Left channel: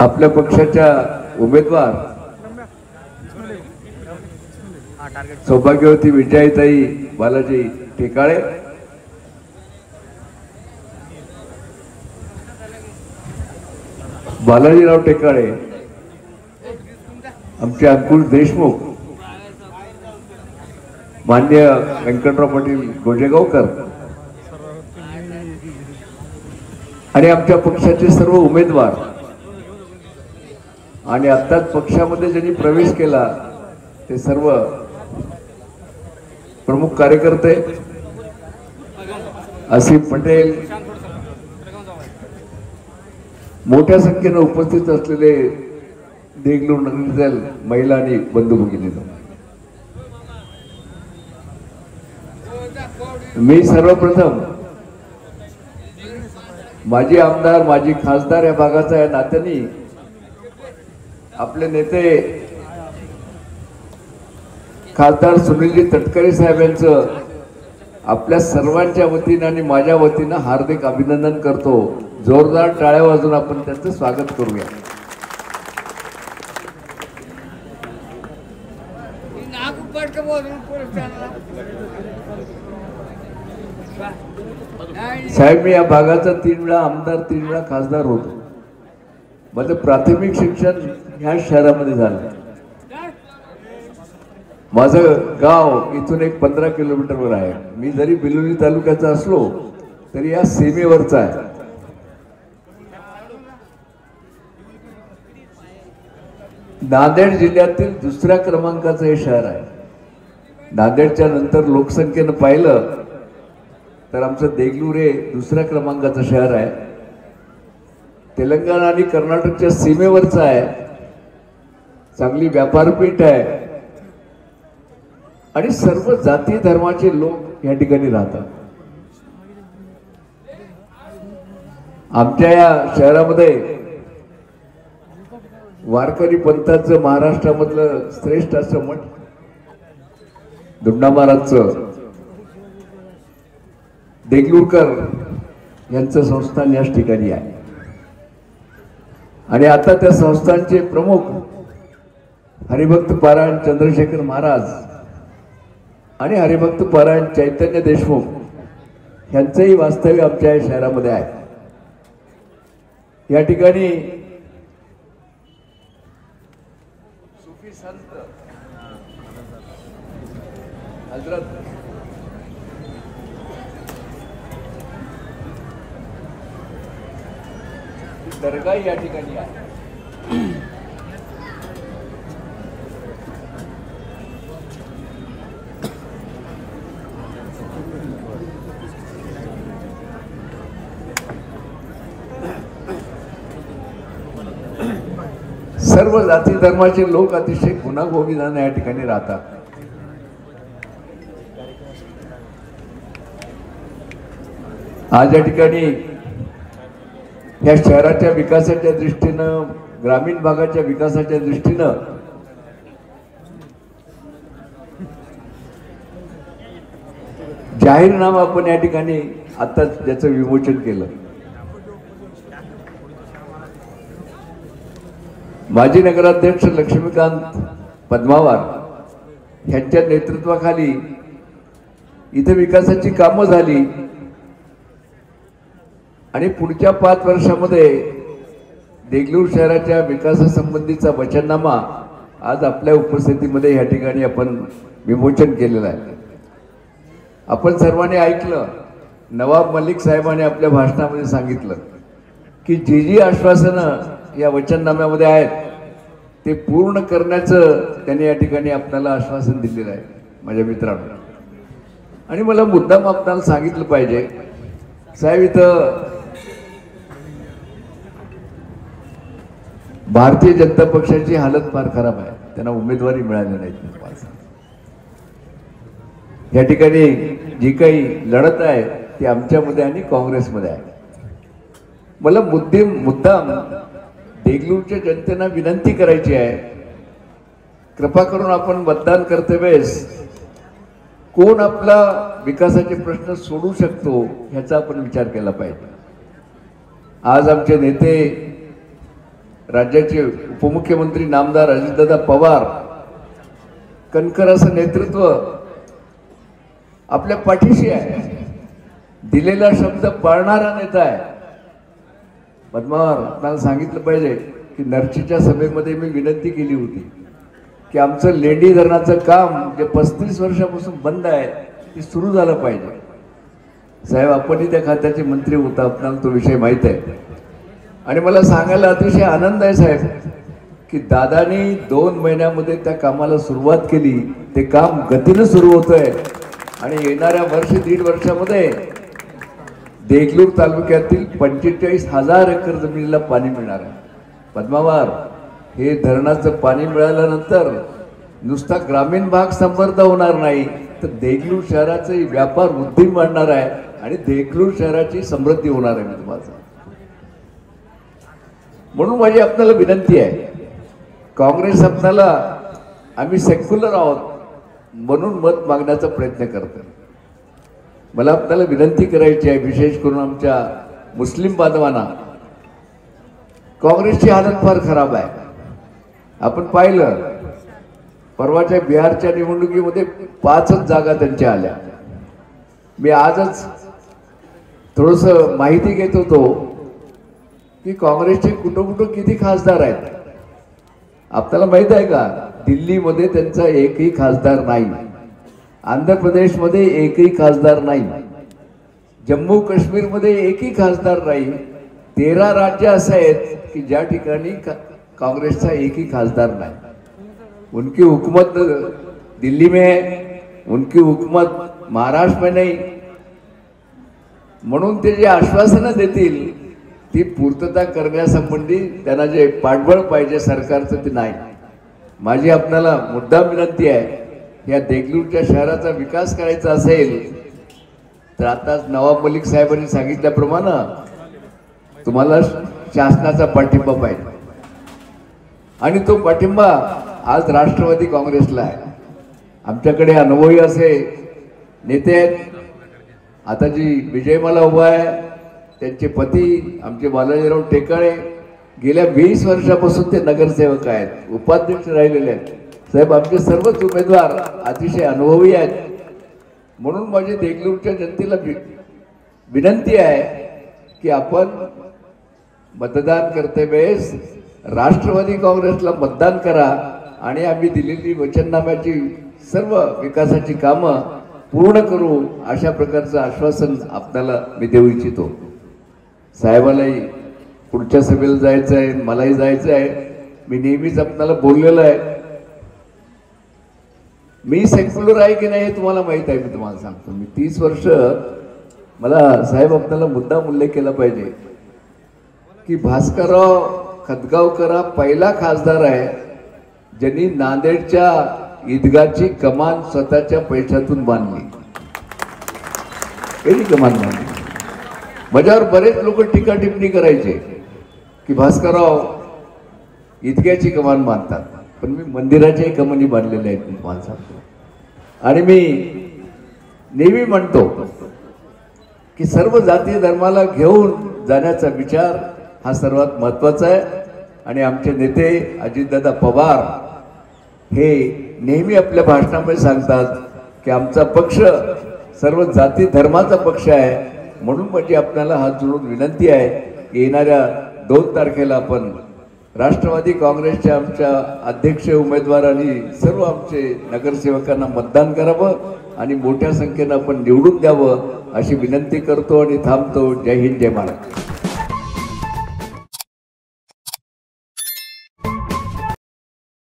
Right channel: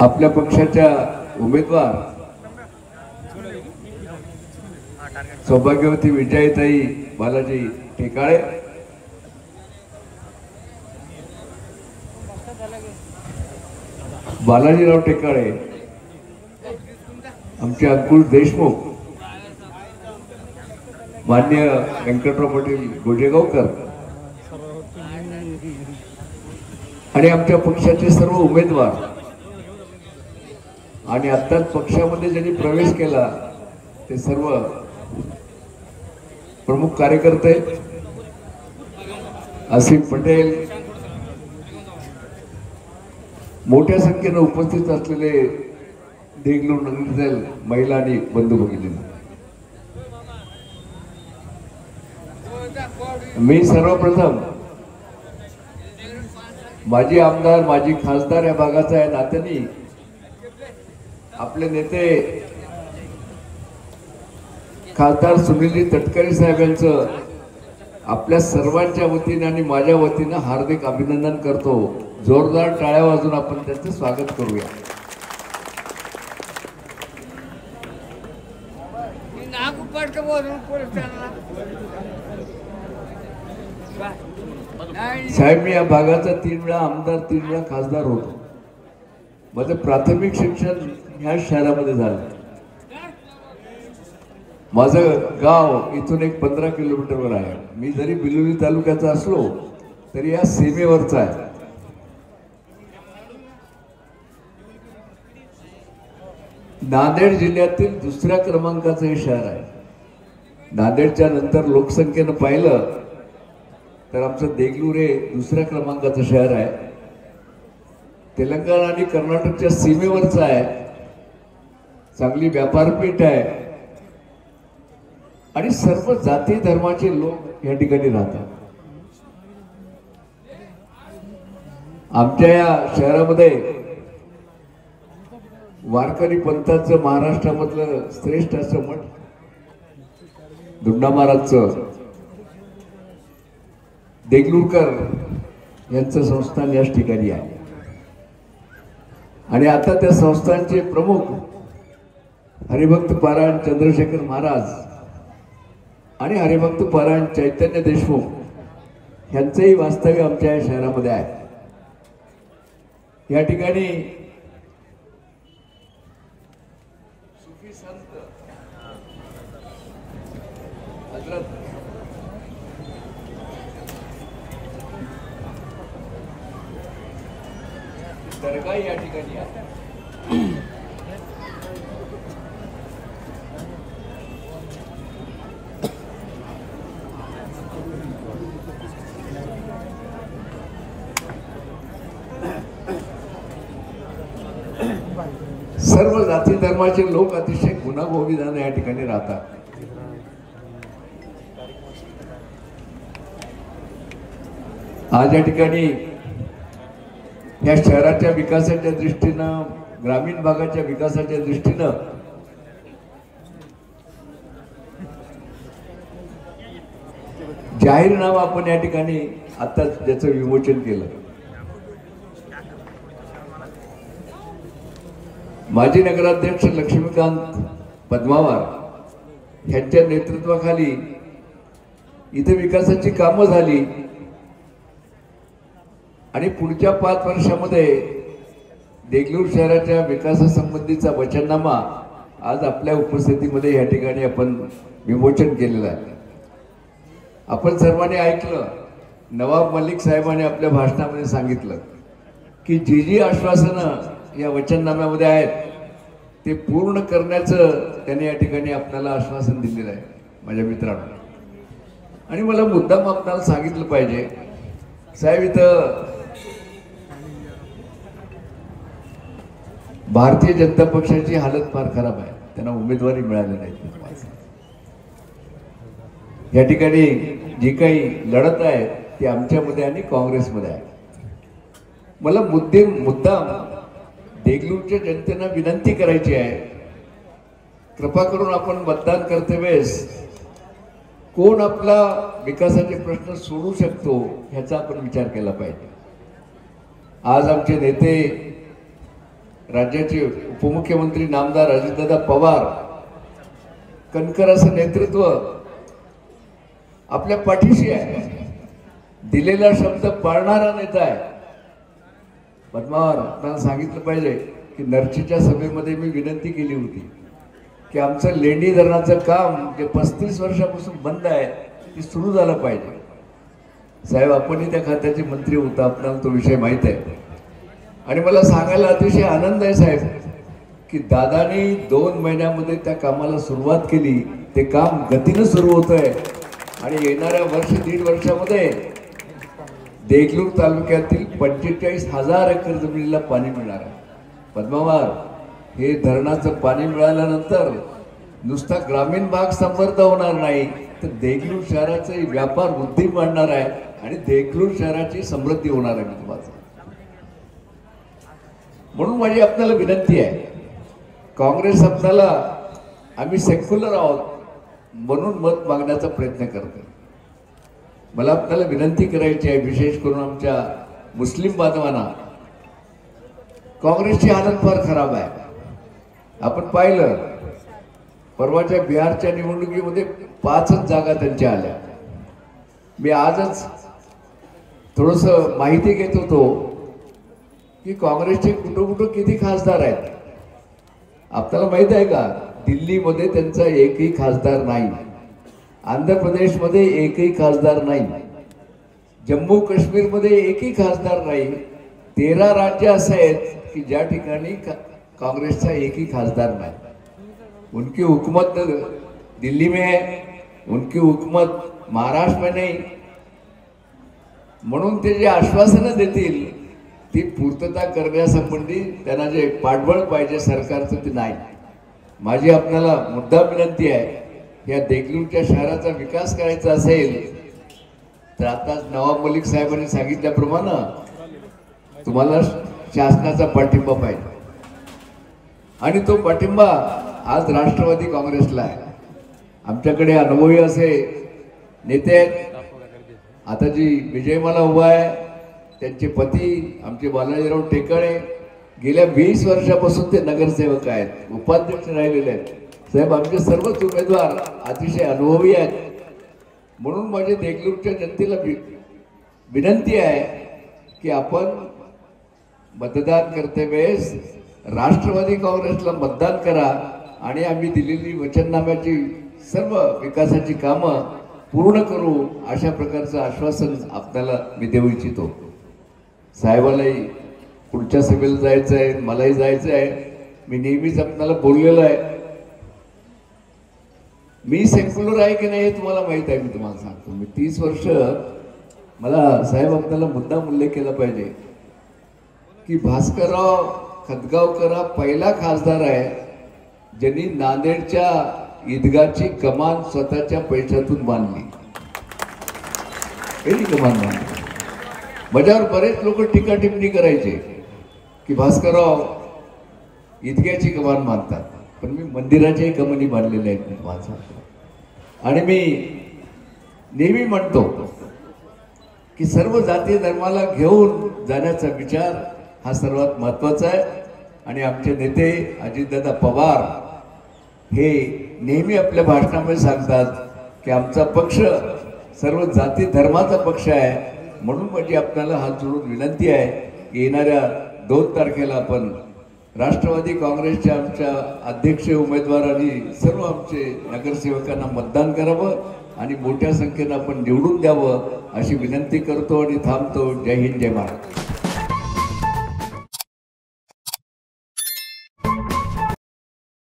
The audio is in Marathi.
आपल्या पक्षाच्या उमेदवार सौभाग्यवती विजयाताई बालाजी टेकाळे, बालाजीराव टेकाळे, आमचे अंकुश देशमुख, मान्य व्यंकटराव पाटील गोजेगावकर आणि आमच्या पक्षाचे सर्व उमेदवार आणि आत्ताच पक्षामध्ये ज्यांनी प्रवेश केला ते सर्व प्रमुख कार्यकर्ते, असीम पटेल, मोठ्या संख्येने उपस्थित असलेले देगलूर नगरीतील महिला आणि बंधू भगिनी, मी सर्वप्रथम माजी आमदार माजी खासदार या भागाचा या नात्याने आपले नेते खासदार सुनीलजी तटकरे साहेब यांचं आपल्या सर्वांच्या वतीने आणि माझ्या वतीने हार्दिक अभिनंदन करतो। जोरदार टाळ्या वाजवून आपण त्यांचं स्वागत करूया। साहेब, मी या भागाचा 3 वेळा आमदार 3 वेळा खासदार होतो। माझं प्राथमिक शिक्षण ह्या शहरामध्ये झालं। माझं गाव इथून एक 15 किलोमीटरवर आहे। मी जरी बिलोली तालुक्याचा असलो तरी या सीमेवरचा आहे। नांदेड जिल्ह्यातील दुसऱ्या क्रमांकाचं हे शहर आहे। नांदेडच्या नंतर लोकसंख्येनं पाहिलं तर आमचं देगलूर हे दुसऱ्या क्रमांकाचं शहर आहे। तेलंगणा आणि कर्नाटकच्या सीमेवरचं आहे। चांगली व्यापारपेठ आहे आणि सर्व जाती धर्माचे लोक या ठिकाणी राहतात। आमच्या या शहरामध्ये वारकरी पंथाचं महाराष्ट्रामधलं श्रेष्ठ असं मठ दुंडा महाराजचं देगलूरकर यांचं संस्थान याच ठिकाणी आहे आणि आता त्या संस्थानचे प्रमुख हरिभक्त पारायण चंद्रशेखर महाराज आणि हरिभक्त पारायण चैतन्य देशमुख यांचंही वास्तव्य आमच्या या शहरामध्ये आहे। या ठिकाणी सुफी संत हजरत दरगाह या ठिकाणी आहे। सर्व जाती धर्माचे लोक अतिशय गुण्यागोविंदाने या ठिकाणी राहतात। आज या ठिकाणी या शहराच्या विकासाच्या दृष्टीनं, ग्रामीण भागाच्या विकासाच्या दृष्टीनं जाहीरनामा आपण या ठिकाणी आता ज्याचं विमोचन केलं। माजी नगराध्यक्ष लक्ष्मीकांत पद्मावार यांच्या नेतृत्वाखाली इथे विकासाची कामं झाली आणि पुढच्या 5 वर्षामध्ये देगलूर शहराच्या विकासासंबंधीचा वचननामा आज आपल्या उपस्थितीमध्ये या ठिकाणी आपण विमोचन केलेला आहे। आपण सर्वांनी ऐकलं, नवाब मलिक साहेबांनी आपल्या भाषणामध्ये सांगितलं की जी आश्वासनं या वचननाम्यामध्ये आहेत ते पूर्ण करण्याचं त्यांनी या ठिकाणी आपल्याला आश्वासन दिलेलं आहे माझ्या मित्रांनो। आणि मला मुद्दाम आपल्याला सांगितलं पाहिजे साहेब, इथं भारतीय जनता पक्षाची हालत फार खराब आहे। त्यांना उमेदवारी मिळाली नाही। या ठिकाणी जी काही लढत आहे ती आमच्यामध्ये आणि काँग्रेसमध्ये आहे। मला मुद्दाम देगलूरच्या जनतेला विनंती करायची आहे, कृपा करून आपण मतदान करते वेळेस कोण आपला विकासाचे प्रश्न सोडू शकतो ह्याचा आपण विचार केला पाहिजे। आज आमचे नेते राज्याचे उपमुख्यमंत्री नामदार अजितदादा पवार कणखर असं नेतृत्व आपल्या पाठीशी आहे, दिलेला शब्द पाळणारा नेता आहे. पद्मावार आपल्याला सांगितलं पाहिजे की नरचीच्या सभेमध्ये मी विनंती केली होती की आमचं लेंडी धरणाचं काम जे 35 वर्षापासून बंद आहे ते सुरू झालं पाहिजे. साहेब आपणही त्या खात्याचे मंत्री होता, आपल्याला तो विषय माहीत आहे. आणि मला सांगायला अतिशय आनंद आहे साहेब की दादानी 2 महिन्यामध्ये त्या कामाला सुरुवात केली. ते काम गतीनं सुरू होतंय आणि येणाऱ्या वर्ष 1.5 वर्षामध्ये देगलूर तालुक्यातील 45,000 एकर जमिनीला पाणी मिळणार आहे. पद्मावार, हे धरणाचं पाणी मिळाल्यानंतर नुसता ग्रामीण भाग समृद्ध होणार नाही तर देगलूर शहराचा व्यापार वृद्धी वाढणार आहे आणि देगलूर शहराची समृद्धी होणार आहे. मी तुम्हाला म्हणून माझी आपल्याला विनंती आहे, काँग्रेस आपल्याला आम्ही सेक्युलर आहोत म्हणून मत मागण्याचा प्रयत्न करतो. मला आपल्याला विनंती करायची आहे, विशेष करून आमच्या मुस्लिम बांधवांना. काँग्रेसची हालत फार खराब आहे. आपण पाहिलं परवाच्या बिहारच्या निवडणुकीमध्ये 5च जागा त्यांच्या आल्या. मी आजच थोडस माहिती घेत होतो की काँग्रेसचे कुठं किती खासदार आहेत. आपल्याला माहित आहे का, दिल्लीमध्ये त्यांचा एकही खासदार नाही, आंध्र प्रदेशमध्ये एकही खासदार नाही, जम्मू काश्मीरमध्ये एकही खासदार नाही. 13 राज्य असे आहेत की ज्या ठिकाणी कांग्रेसचा एकही खासदार नाही. उनकी हुकूमत दिल्ली में है, उनकी हुकूमत महाराष्ट्र में नहीं. म्हणून ते जे आश्वासनं देतील ती पूर्तता करण्यासंबंधी त्यांना जे पाठबळ पाहिजे सरकारचं ते नाही. माझी आपल्याला मुद्दाम विनंती आहे, या देगलूरच्या शहराचा विकास करायचा असेल तर आता नवाब मलिक साहेबांनी सांगितल्याप्रमाणे तुम्हाला शासनाचा पाठिंबा पाहिजे आणि तो पाठिंबा आज राष्ट्रवादी काँग्रेसला आहे. आमच्याकडे अनुभवी असे नेते आहेत. आता जी विजयमाला उभा आहे त्यांचे पती आमचे बालाजीराव टेकाळे गेल्या 20 वर्षापासून ते नगरसेवक आहेत, उपाध्यक्ष राहिलेले आहेत. साहेब आमचे सर्वच उमेदवार अतिशय अनुभवी आहेत. म्हणून माझी देगलूरच्या जनतेला विनंती आहे की आपण मतदान करते वेळेस राष्ट्रवादी काँग्रेसला मतदान करा आणि आम्ही दिलेली वचननाम्याची सर्व विकासाची कामं पूर्ण करू अशा प्रकारचं आश्वासन आपल्याला मी देऊ इच्छितो. साहेबालाही पुढच्या सभेला जायचं आहे, मलाही जायचं आहे. मी नेहमीच आपल्याला बोललेलं आहे, मी सेक्युलर आहे की नाही हे तुम्हाला माहित आहे. मी तुम्हाला सांगतो, मी 30 वर्ष, मला साहेब आपल्याला मुद्दाम उल्लेख केला पाहिजे की भास्करराव खतगावकर पहिला खासदार आहे ज्यांनी नांदेडच्या ईदगाहची कमान स्वतःच्या पैशातून बांधली. पहिली कमान बांधली. माझ्यावर बरेच लोक टीका टिप्पणी करायचे की भास्करराव ईदगाहची कमान बांधतात, पण मी मंदिराच्याही कमानी बांधलेल्या आहेत मी तुम्हाला सांगतो. आणि मी नेहमी म्हणतो की सर्व जाती धर्माला घेऊन जाण्याचा विचार हा सर्वात महत्वाचा आहे. आणि आमचे नेते अजितदादा पवार हे नेहमी आपल्या भाषणामध्ये सांगतात की आमचा पक्ष सर्व जाती धर्माचा पक्ष आहे. म्हणून म्हणजे आपल्याला हात जोडून विनंती आहे, येणाऱ्या 2 तारखेला आपण राष्ट्रवादी काँग्रेसच्या आमच्या अध्यक्ष उमेदवारांनी सर्व आमचे नगरसेवकांना मतदान करावं आणि मोठ्या संख्येनं आपण निवडून द्यावं अशी विनंती करतो आणि थांबतो. जय हिंद, जय महाराष्ट्र.